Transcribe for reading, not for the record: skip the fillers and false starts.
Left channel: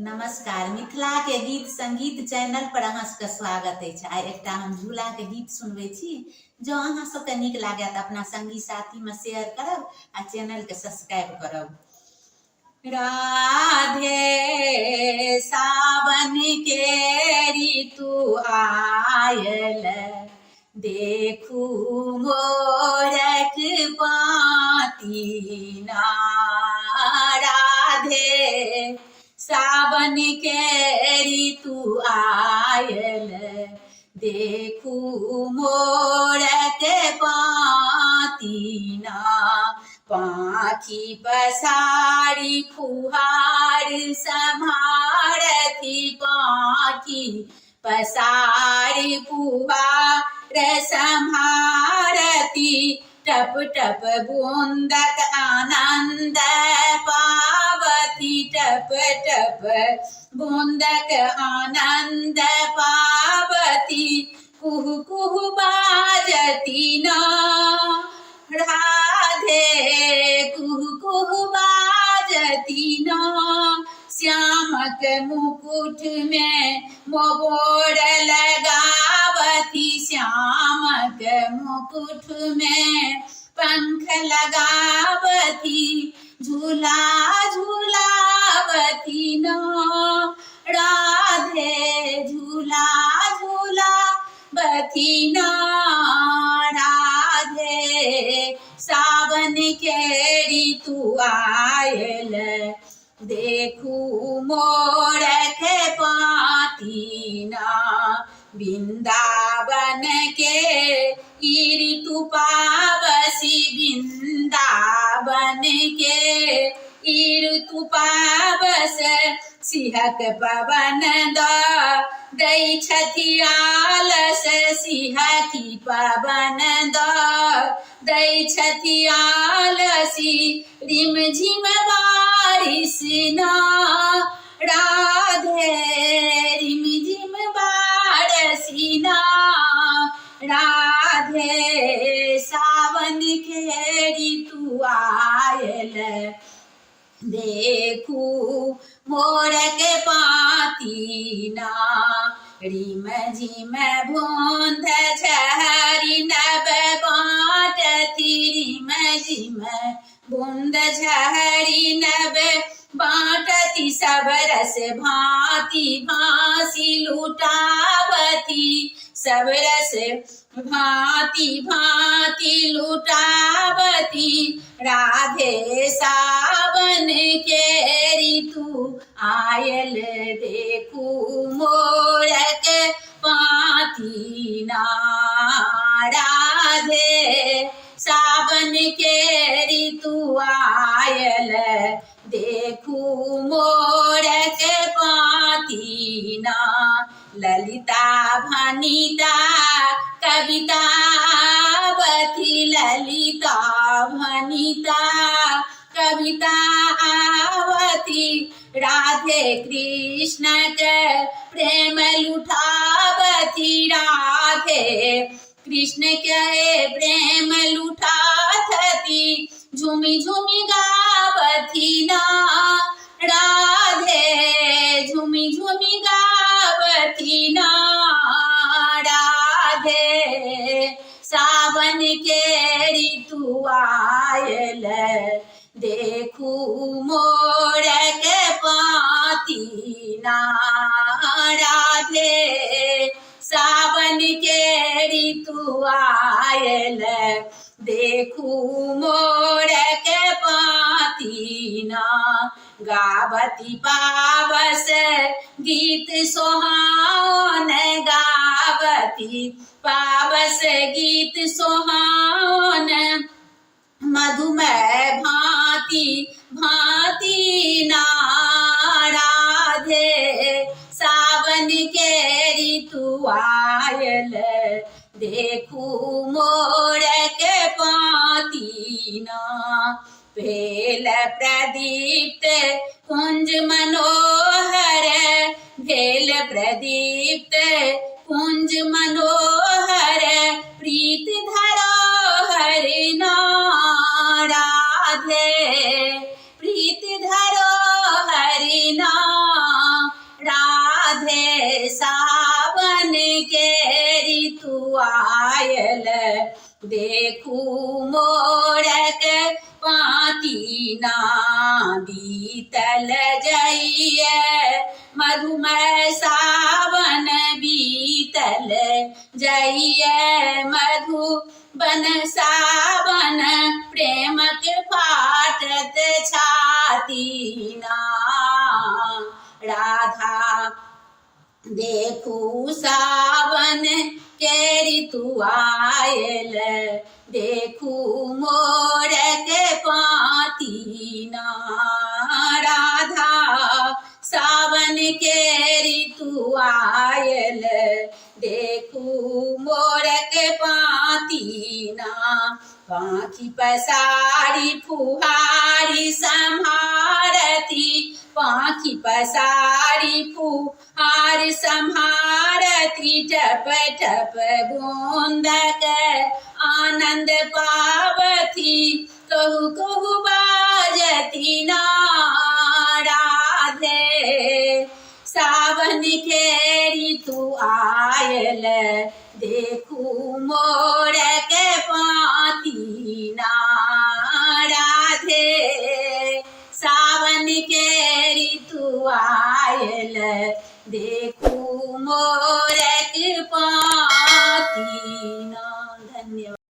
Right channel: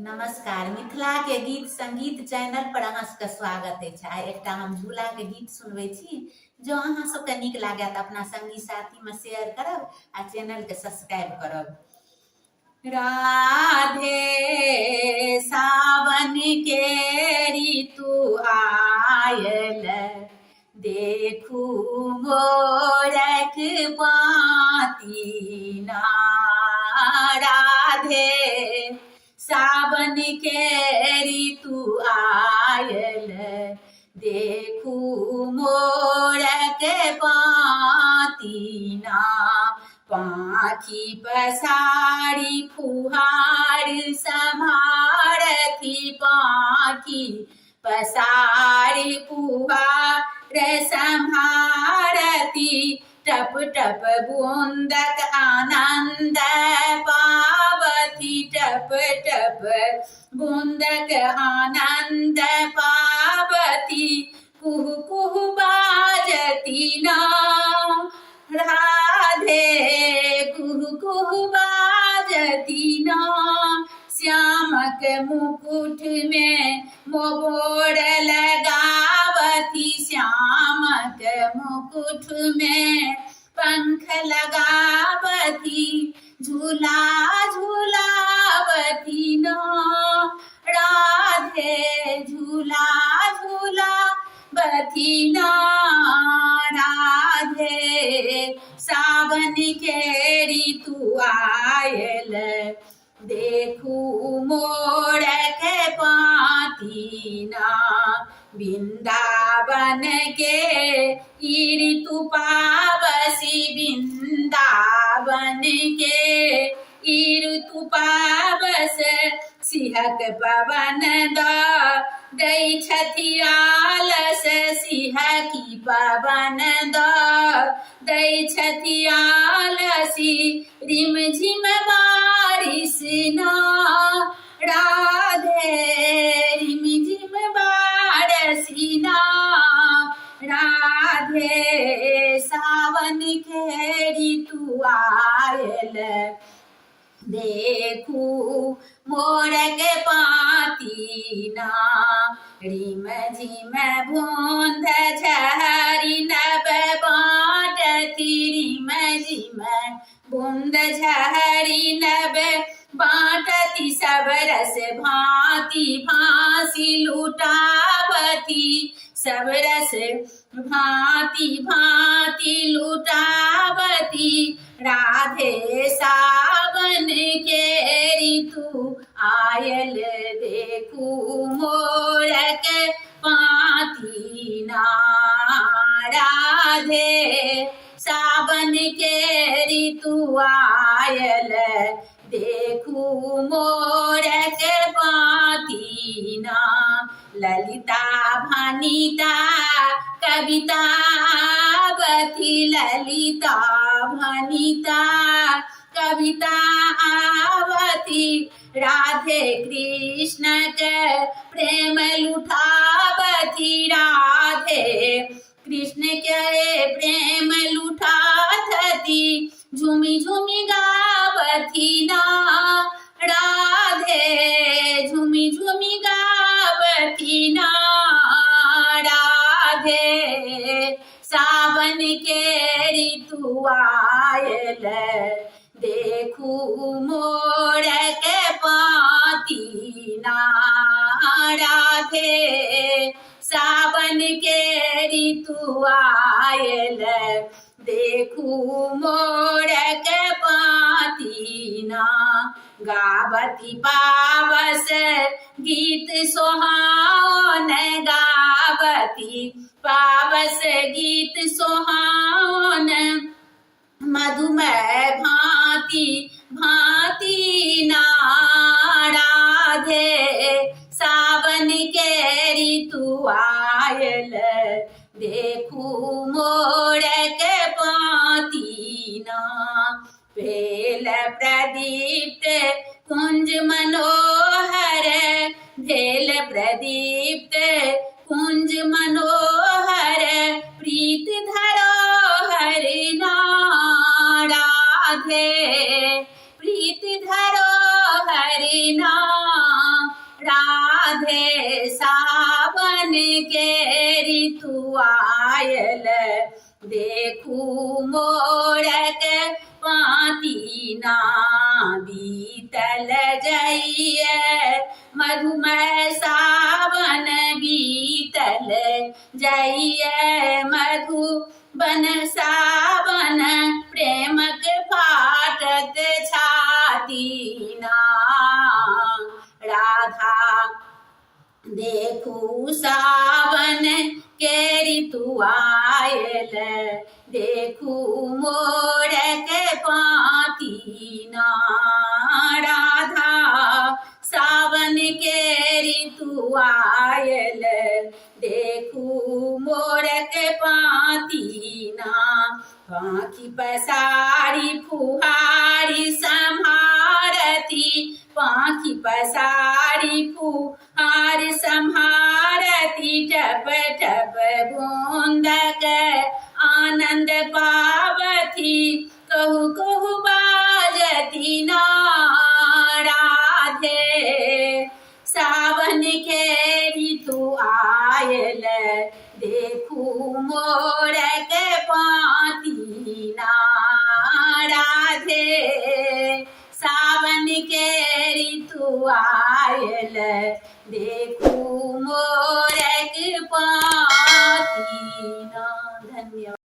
नमस्कार। मिथिला के गीत संगीत चैनल पर अहाँ सबके स्वागत अछि। आइ एकटा हम झूला के गीत सुनबै छी। जो अहाँ सबके नीक लागे तऽ अपना संगी साथी में शेयर करब आ चैनल के सब्सक्राइब करब। राधे सावन के ऋतु आयल, देखू मोरक पाती ना। राधे सावन के ऋतु आयल, देखू मोरक पाती ना। पाखी पसारी फुहार सम्हारती, पाखी पसारी फुहार सम्हारती। टप टप बूंदक आनंद पावती, टप टप बूंदक आनंद पावती। कुहू कुहू बाजती ना। राधे कुहू कुहू बाजती ना। श्यामक मुकुट में मोर लगावती, श्यामक मुकुट में पंख लगावती। झूला झूलावती ना। राधे झूला झूलावती ना। राधे सावन के ऋतु आयल, देखू मोरक पाती ना। वृंदावन के ऋतु पावसी, वृंदावन के ऋतु पावस। सिहक पवन दै छथि आलस, सिहकी पवन दै छथि आलसी। रिम झिम बारिश ना। राधे रिम झिम बारिश ना। राधे सावन के ऋतु आयल, देखू मोरक पाती ना। रिम झिम बूंद झरी नभ बाटती, रिम झिम बूंद झरी नभ बाटती। सब रस भांति भांसी लुटावती, सब रस भांति भांति लुटावती। राधे सावन के ऋतु आयल, देखू मोरक पाती ना। राधे सावन के ऋतु आयल, देखू मोरक पाती ना। ललिता भनिता कविता आवती, ललिता भनिता कविता आवती। राधे कृष्ण के प्रेम लुटावती, राधे कृष्ण के प्रेम लुटावती। झूमी झूमी गावती ना। राधे झूमी झूमी गावती ना। राधे सावन के ऋतु आयल, देखू मोरक पाती ना। राधे सावन के ऋतु आयल, देखू मोरक पाती ना। गावती पावस गीत सोहान, गावती पावस गीत सोहान। मधुमय भांति भांति ना। राधे सावन के ऋतु आयल, देखू मोरक पाती ना। भेल प्रदीप्त कुंज मनोहर, भेल प्रदीप्त कुंज मनोहर। प्रीत धरोहर ना। राधे प्रीत धरोहर ना। देखू मोरक पाती ना बीतल जाइए, मधुमय सावन बीतल जाइए, मधुबन सावन प्रेमक फाटत छाती ना। राधा देखू सावन के ऋतु आयल, देखू मोरक पाती ना। राधा सावन के ऋतु आयल, देखू मोरक पाती ना। पाखी पसारी फुहारी संहारती, पाखी पसारी फुहार संहारती, टप टप बूंदक आनंद पावती, कहू कहू बाजती ना। राधे सावन के ऋतु आयल, देखू मोरक पाती ना। राधे सावन के ऋतु आयल, देखू मोर